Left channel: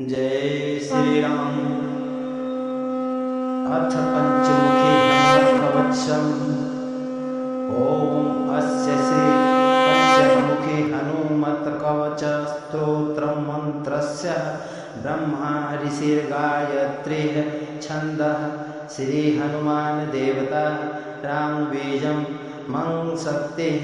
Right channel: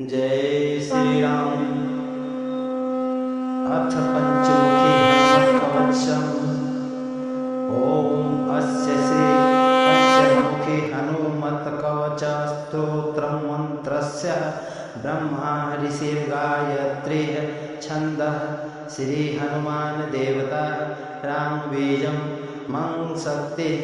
जय श्री राम। अथ पंचमुखी हनुमत कवचम्। ओम अस्य श्री पंचमुखी हनुमत कवच स्तोत्रम् मंत्रस्य ब्रह्मा ऋषिर्गायत्री छन्दः श्री हनुमान देवता राम बीजं मं शक्तिः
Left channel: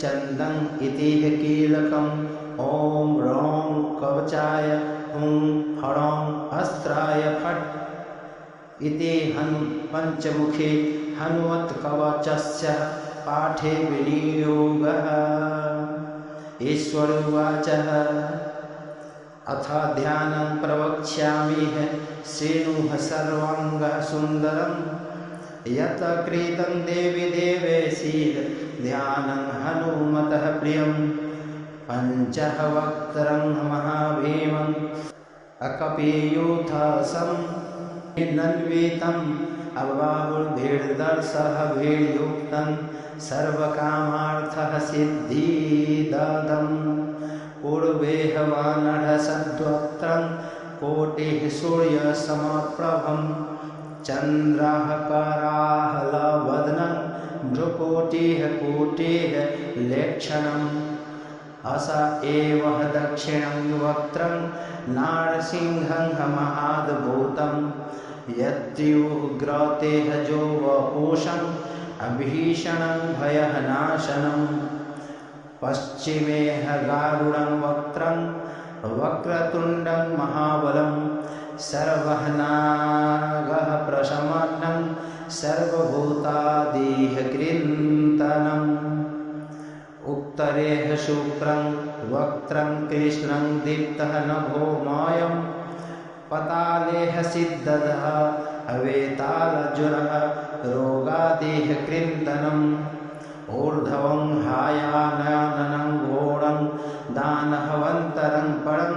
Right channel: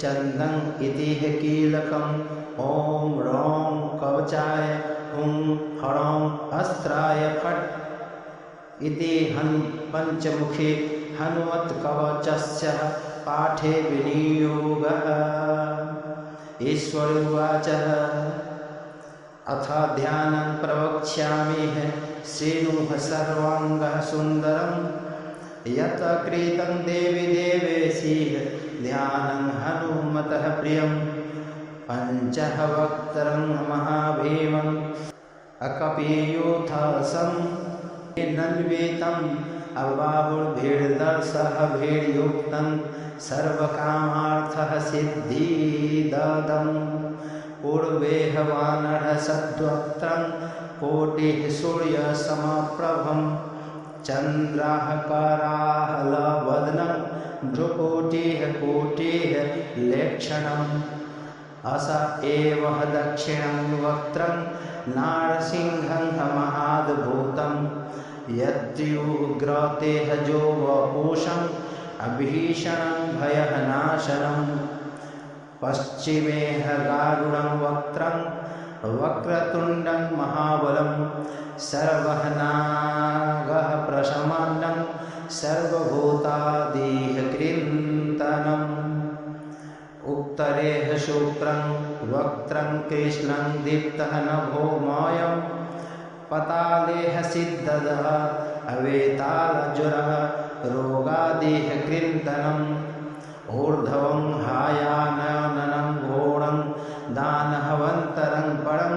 चन्दं इति कीलकम्। ओम ह्रौं कवचाय हुं ह्रौं अस्त्राय फट् इति पंचमुखी हनुमत कवचस्य पाठे विनियोगः। ईश्वर उवाच अथ ध्यानं प्रवक्ष्यामि श्रीणुः सर्वाङ्गः सुन्दरं यत् कृतं देवी देवेशिः ध्यानं हनुमतः प्रियम्। पञ्चवक्त्रं महाभीमम् अकपीयूथसं नन्वितम् अबाहुर्भिर्दर्शः भीर्युक्तं सर्वकामार्थः सिद्धिदम्। पूर्वेह वानरसद्वक्त्रं कोटिः सूर्यसमप्रभं चन्द्राः कराहलवदनं भ्रुकोटिः कोटिः लेक्षणम्। अस एव दक्षिणं वक्त्रं नारसिंहं महाद्भुतं यत्युग्रतेजो वपुषम् अभीषणं भयनाशनम्। पश्चिमे गारुडं वक्त्रं वक्रतुण्डं महाबलं सर्वनागः प्रशमनं सर्वभूतादिः कृन्तनम्। उत्तरेः शुक्रं वक्त्रं कृष्णं दीप्तः नभोमयं पतालेः सिद्धः अवेतालज्वरः रोगादिः कृन्तनम्। ऊर्ध्वं हायाननं घोरं दानवन्तरं परं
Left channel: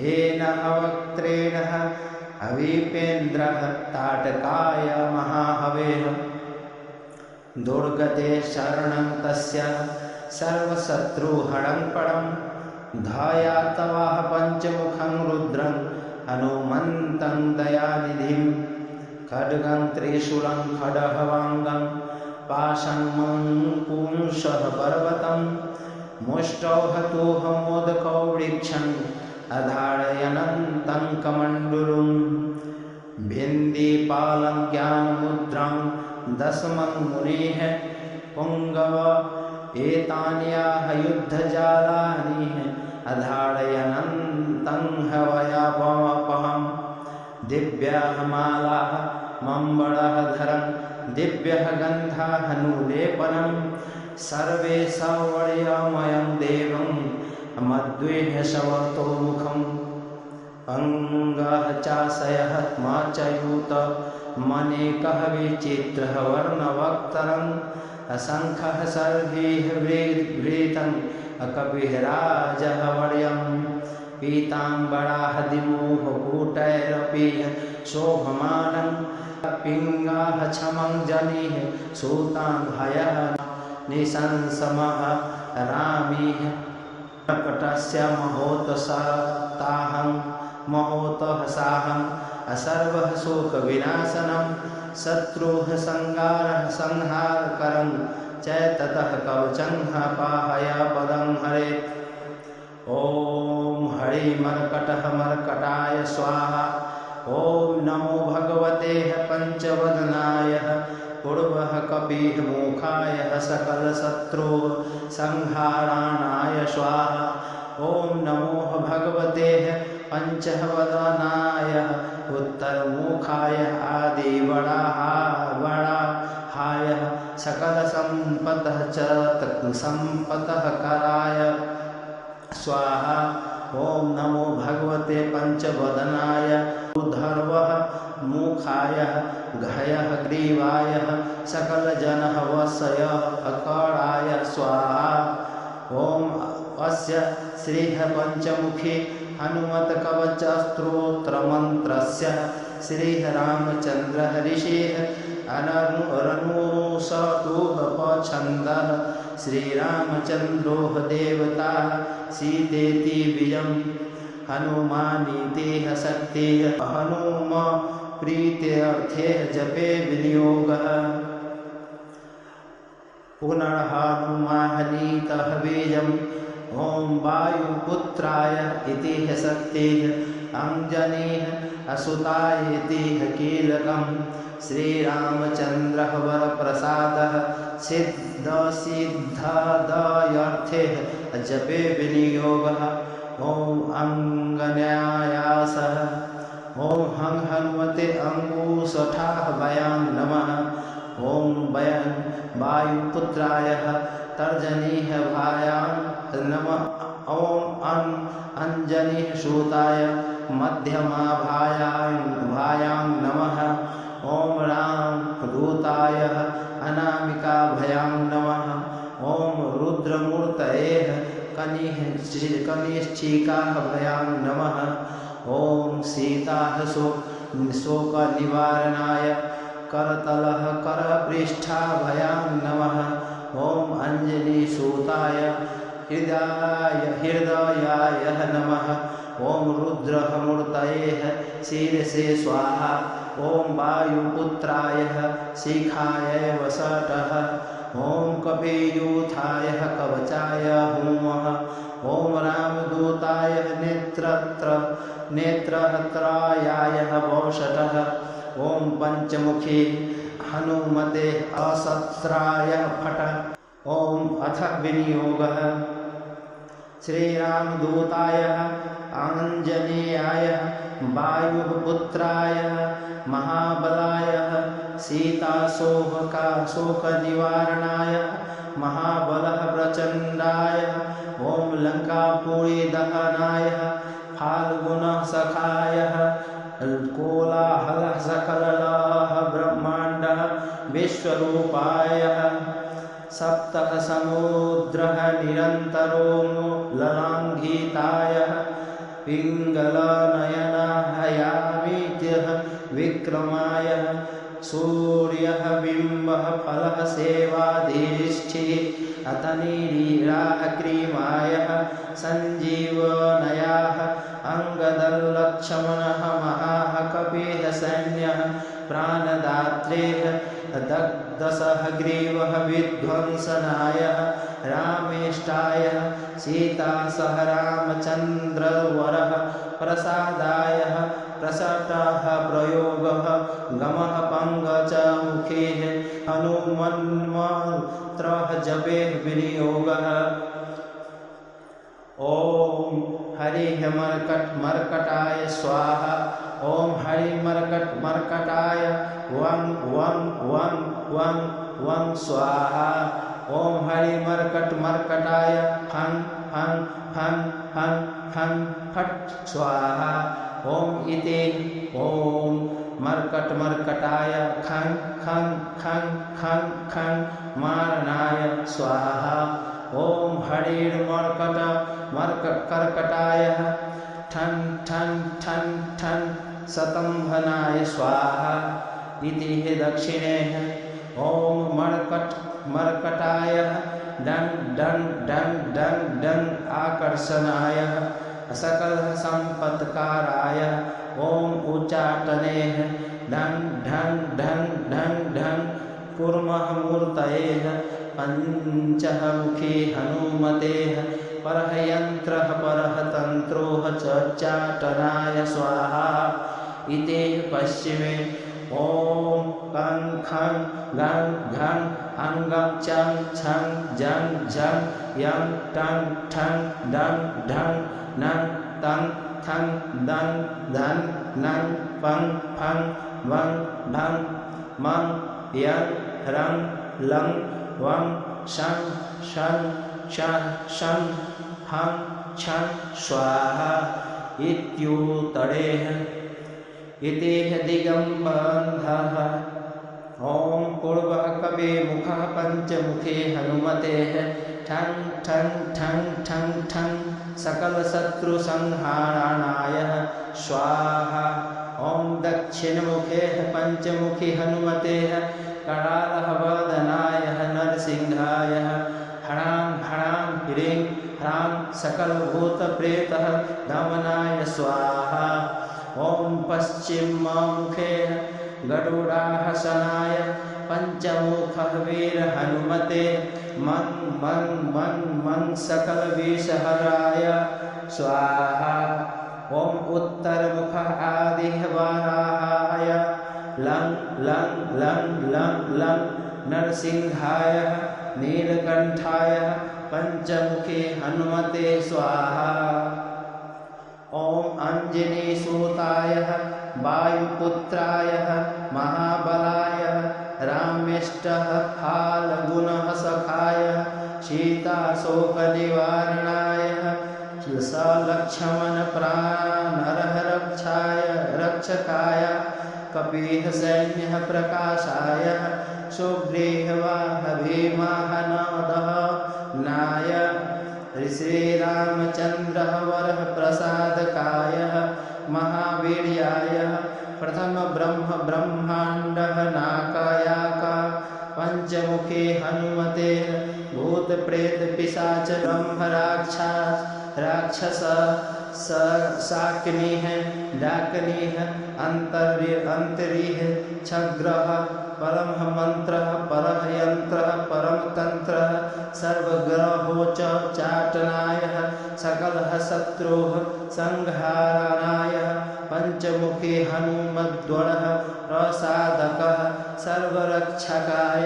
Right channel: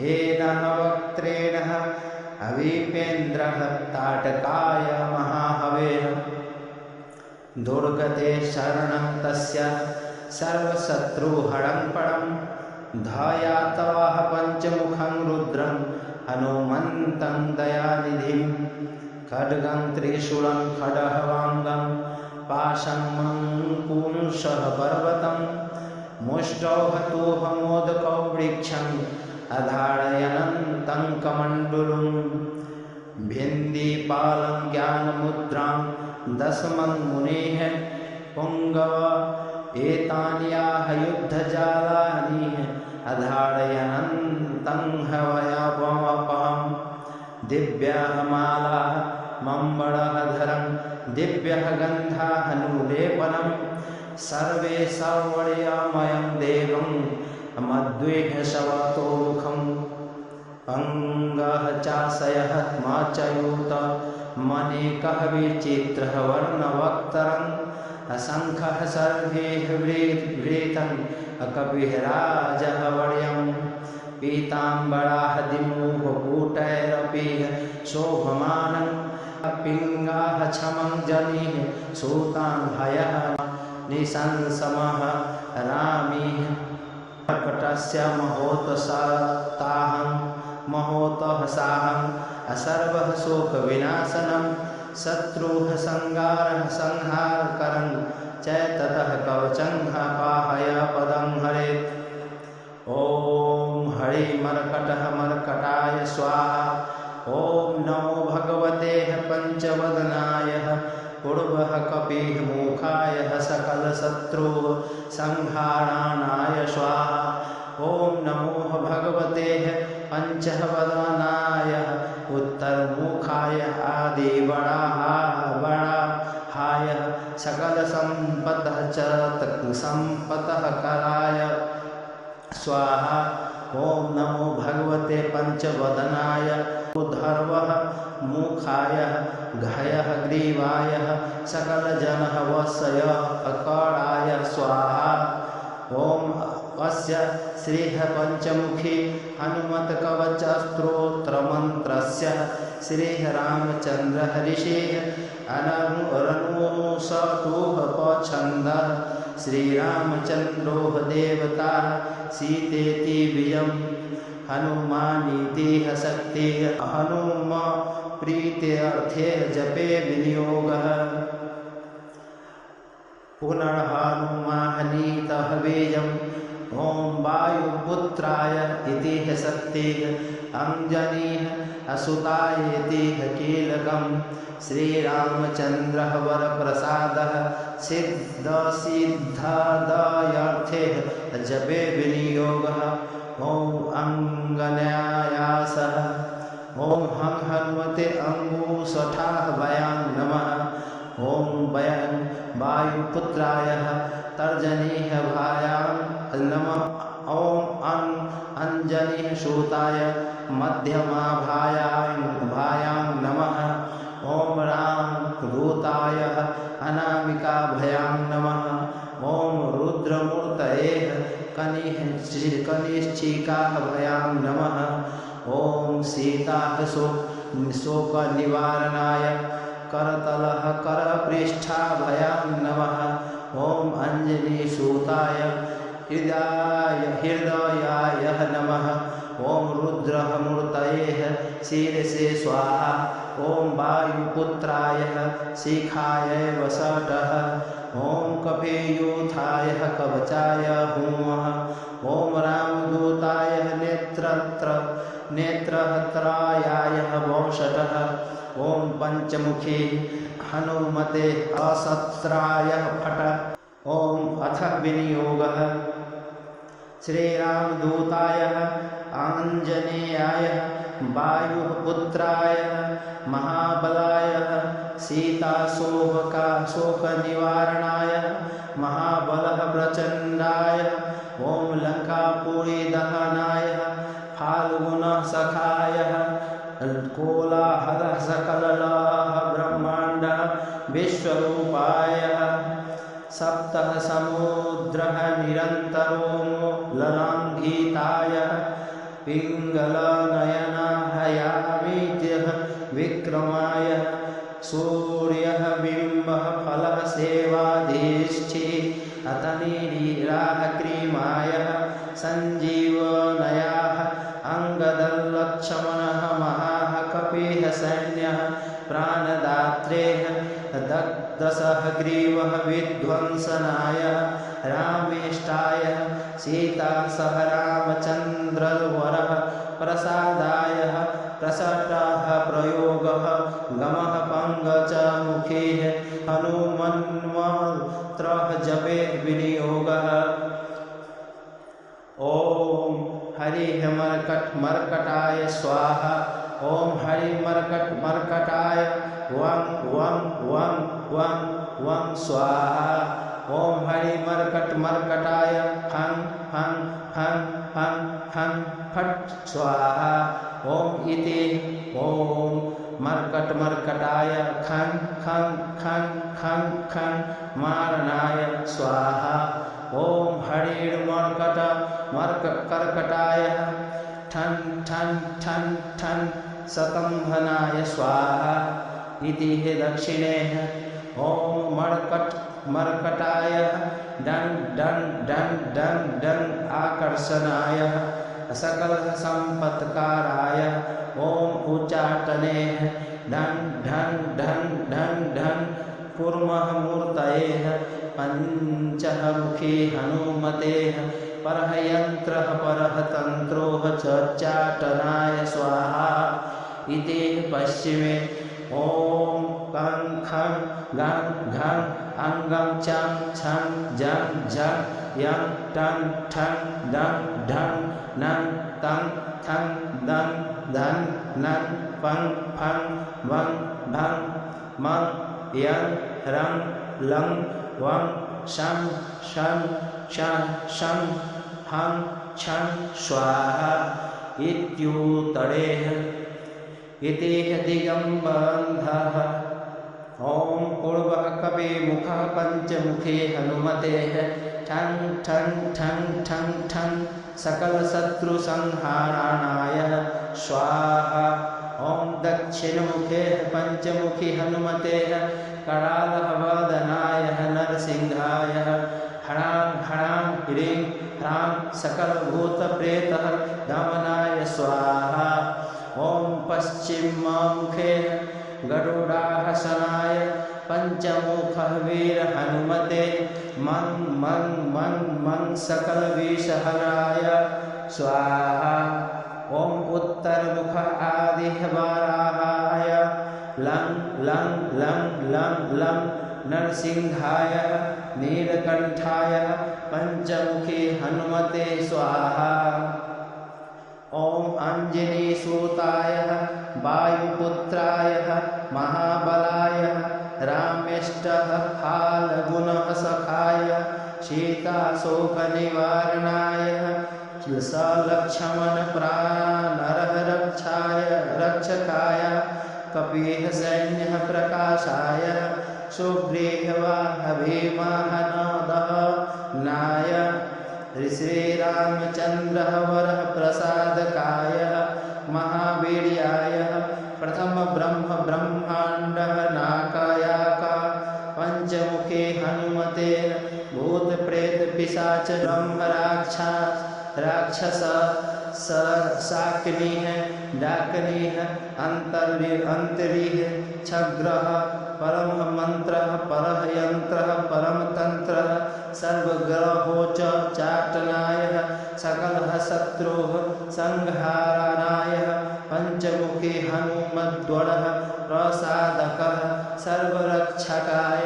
येन वक्त्रेण अवीपेन्द्रः ताटकाय महाहवेः। दुर्गते शरणं तस्य सर्वशत्रुहरं परं ध्यायातवाह पञ्चमुखं रुद्रं हनुमन्तं दयानिधिं। खड्गं त्रिशूलं खड्गवाङ्गं पाशं पुंसः पर्वतं मुष्टौ हतुः मोदकौ वृक्षम् अधारयन्तं कमण्डलुं। भिन्दिपालं ज्ञानमुद्रां दशमं मुनेः पुङ्गव एतान्याः युद्धजालानि अधारयन्तं हवयापमपहं। दिव्याः मालाः मम्बरधरं दिव्यः गन्धाः नूलेपनं सर्वे सवर्यमयं देवं मद्वेह शवतोमुखम्। अङ्गः चाशयः माचयूत मनेकः विचित्रः वर्णवक्त्रम् असङ्ख्यः सर्वैः वृतं कपिः राजः वर्यम्। पीताम्बराः दिमुखकूटैरपि शोभमानं पिङ्गाः क्षमं जनिः सूताङ्घ्यः निशंसमः रामीः। कर्कटस्य महोतसाहं सर्वः शोकविनाशनं शत्रुः संगारः संहारकरं च ततः कवचं पाहय पदं हरेत्। ॐ हरिमर्कटः मर्कटाय स्वाहा। ॐ नमो भगवते पंचवदनाय पूर्वः कपिः मुखाय सकलशत्रुः संहाराणाय स्वाहा। ॐ नमो भगवते पंचवदनाय उत्तरमुखाय आदिवराहाय सकलसम्पदः च सम्पत्कराय स्वाहा। ॐ नमो भगवते पंचवदनाय ऊर्ध्वः मुखाय घयः ग्रीवाय सकलजनः वशय अकराय स्वाहा। ॐ अस्य श्रीः पंचमुखी हनुमत कवच स्तोत्रमन्त्रस्य श्रीः रामचन्द्रः ऋषिः अननुसटुः पछन्दः श्रीरामचन्द्रो देवता सीतेति बीजम् हनुमानीति शक्ति हनुम प्रीत्यर्थे जपे विनियोगः पुनर्हनुमानीतः बीजम् ओम वायुपुत्राय इति शक्तिः अंजनीः असुताय इति कीलकम् श्रीरामचन्द्रः वरप्रसादः सिद्धसिद्धदयर्थे जपे विनियोगः ओम अंगन्यासः ओम हं हनुमते अंगुष्ठाः वयां नमः ओम वयं वायुपुत्राय तर्जनीः भायां नमः ओम अंजनीः सूताय मध्यमा भायां नमः ओम राम दूताय अनामिका भयां नमः ओम रुद्रमूर्तये कनिष्ठिका भयां नमः ओम सीता शोक निवारणाय करतलः करपृष्ठा भयां नमः ओम अंजनी सूताय हृदयाय नमः ओम रुद्रमूर्तये शीर्षे स्वाहा ओम वायुपुत्राय शिखाय वसटः ओम कपियूथाय कवचाय हुमः ओम रामदूताय नेत्रहत्रायाय वौषटः ओम पंचमुखी हनुमते असत्राय फट ओम अथ विनियोगः श्रीरामदूताय आंजनेयाय वायुपुत्राय महाबलाय शोकनिवारणाय महाबलः प्रचंडाय ओम लंकापुरी दहनाय फाल्गुनः सखाय कोलाहलः सकलः ब्रह्मांडः विश्वरूपाय सप्तः समुद्रः निरन्तरो ललाङ्घिताय पिङ्गलनयनहयामित्यः विक्रमाय सूर्यः बिम्बः फलः सेवाधीष्ठि अतनीरीराः क्रीमाय सञ्जीवनयाः अंगदल्लक्ष्मणः महाः कपिः सैन्यः प्राणदात्रेः दग्धसः ग्रीवः विध्वंसनाय रामेष्टाय सीता सह रामचन्द्रवरः प्रसादाय प्रसटः प्रयोगः गमः पङ्कजमुखीः हनुमन्मन्त्रः जपे विनियोगः ओम हरिः मर्कटाय स्वाहा ओम हरि मर्कटाय वं वं वं वं वं स्वाहा ओम हरि मर्कटाय फं फं फं फं फं फट स्वाहा ओम इति ओम मर्कटाय खं खं खं खं खं मारणाय स्वाहा ओम हरिर्मर्कटाय ठन ठन ठन ठन सतंभनाय स्वाहा इति दक्षिणे ओम मर्कटाय डंग डंग डंग डंग डंग आकर्षणाय सकल संपत्काराय ओम उच्चाटने डंग ढंग ढंग ढंग ढंग कुर्मः मूर्तये पंचः मुखी हनुमते परहयंत्रः परहतंत्रोः चाटनाय स्वाहा इति पश्चिमे ओम कं खं गं घं अंगं चं छं जं झं यं टं ठं डं ढं नं तं थं दं धन नं पं फं वं भं मं यं रं लं वं शं शं शं शं हं छं स्वाहा इत्युत्तरेः इति दिगंबन्धः ओम पूर्वः कविमुखः पंचमुखी हनुमते ठं ठं ठं ठं ठं सकलशत्रुसंहारणाय स्वाहा ओम दक्षिणमुखे पंचमुखी हनुमते करालः वदनाय नरसिंहाय ह्रां ह्रां ह्रीं ह्रां सकलभूतप्रेतः दमनाय स्वाहा। ॐ पश्चिममुखे गरुडासनाय पंचमुखः वीर हनुमते मं मं मं मं सकलविषहराय स्वाहा। ॐ उत्तरमुखः आदिः वाराहाय लं लं लं लं लं नरसिंहाय नीलकंठाय पंचमुखी हनुमते स्वाहा। ॐ अंजनीसूताय वायुपुत्राय महाबलाय रामेष्टः फाल्गुनः सखाय सीताशोकनिवारणाय सलक्ष्मण प्राणरः रक्षकाय कपिः सैन्यः प्रकाशाय सुग्रीवाः भीमाहनदः नाय श्रीरामचन्द्रः वरः प्रसादकाय महावीर्याय प्रथम ब्रह्मांडः नाकायाका पंचमुखे हनुमते भूत प्रेत पिशाच ब्रह्म राक्षस शाकिनीः डाकिनीः अंतरीः छग्रः परम मंत्रः परः यंत्रः परम तंत्रः सर्वग्रहोच चाटनाय सकलः शत्रुः संहारणाय पंचमुखी हनुमद्वरः प्रसादकः सर्वरक्षकाय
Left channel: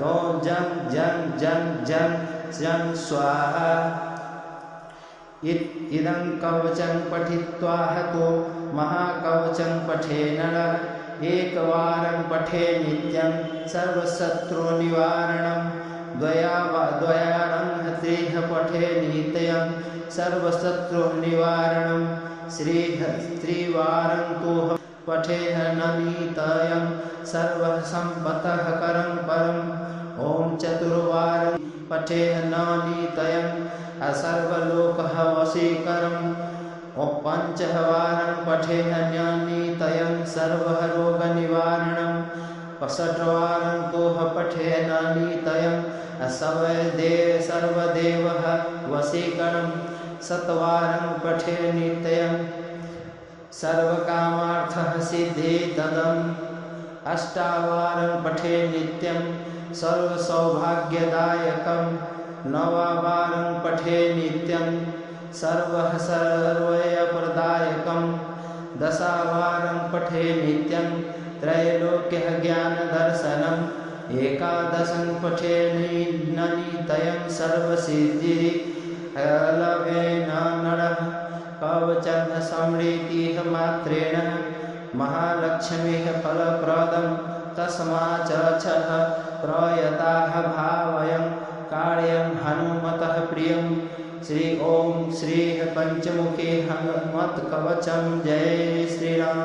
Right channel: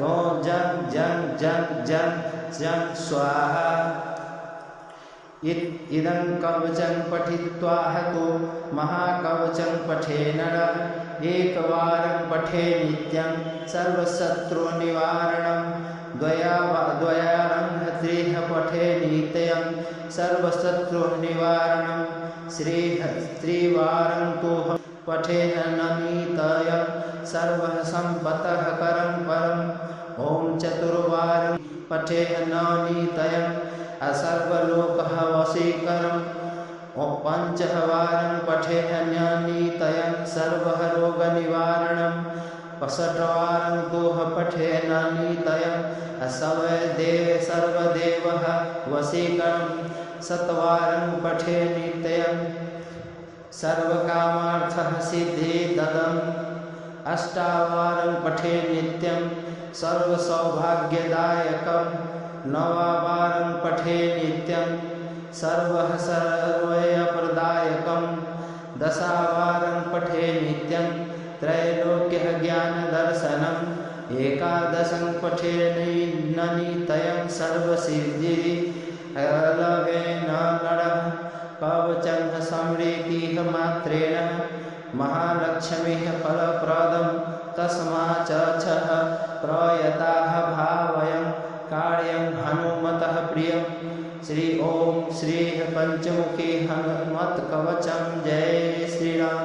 नो जं जं जं जं जं स्वाहा। इदं कवचं पठित्वा तो महाकवचं पठे नरः एकवारं पठे नित्यं सर्वशत्रुनिवारणं द्वयारं त्रिः पठे नित्यं सर्वशत्रुनिवारणं त्रिवारं तु पठेह ननित्यं सर्वः सम्पतः करं परम्। ॐ चतुर्वारं पठेह ननित्यं सर्वलोकः वशीकरम्। पंचवारं पठेह नित्यं सर्वः रोगनिवारणं। षट्वारं तोह पठेह नित्यं सर्वदेवः वशीकरणं। शतवारं पठे नित्यं सर्वकामार्थः सिद्धिदम्। अष्टावारं पठे नित्यं सर्वसौभाग्यदायकम्। नववारं पठे नित्यं सर्वैश्वर्यप्रदायकम्। दशवारं पठे नित्यं त्रैलोक्यः ज्ञानदर्शनम्। एकादशं पठे नित्यं सर्वसिद्धिर्लभेन नरः। कवचं समृद्धिः मात्रेण महालक्ष्मीः फलप्रदं तस्माच्च प्रयताः भावयं कार्यं हनुमतः प्रियं। श्री ओम श्री पंचमुखी हनुमत कवचम। जय श्री राम।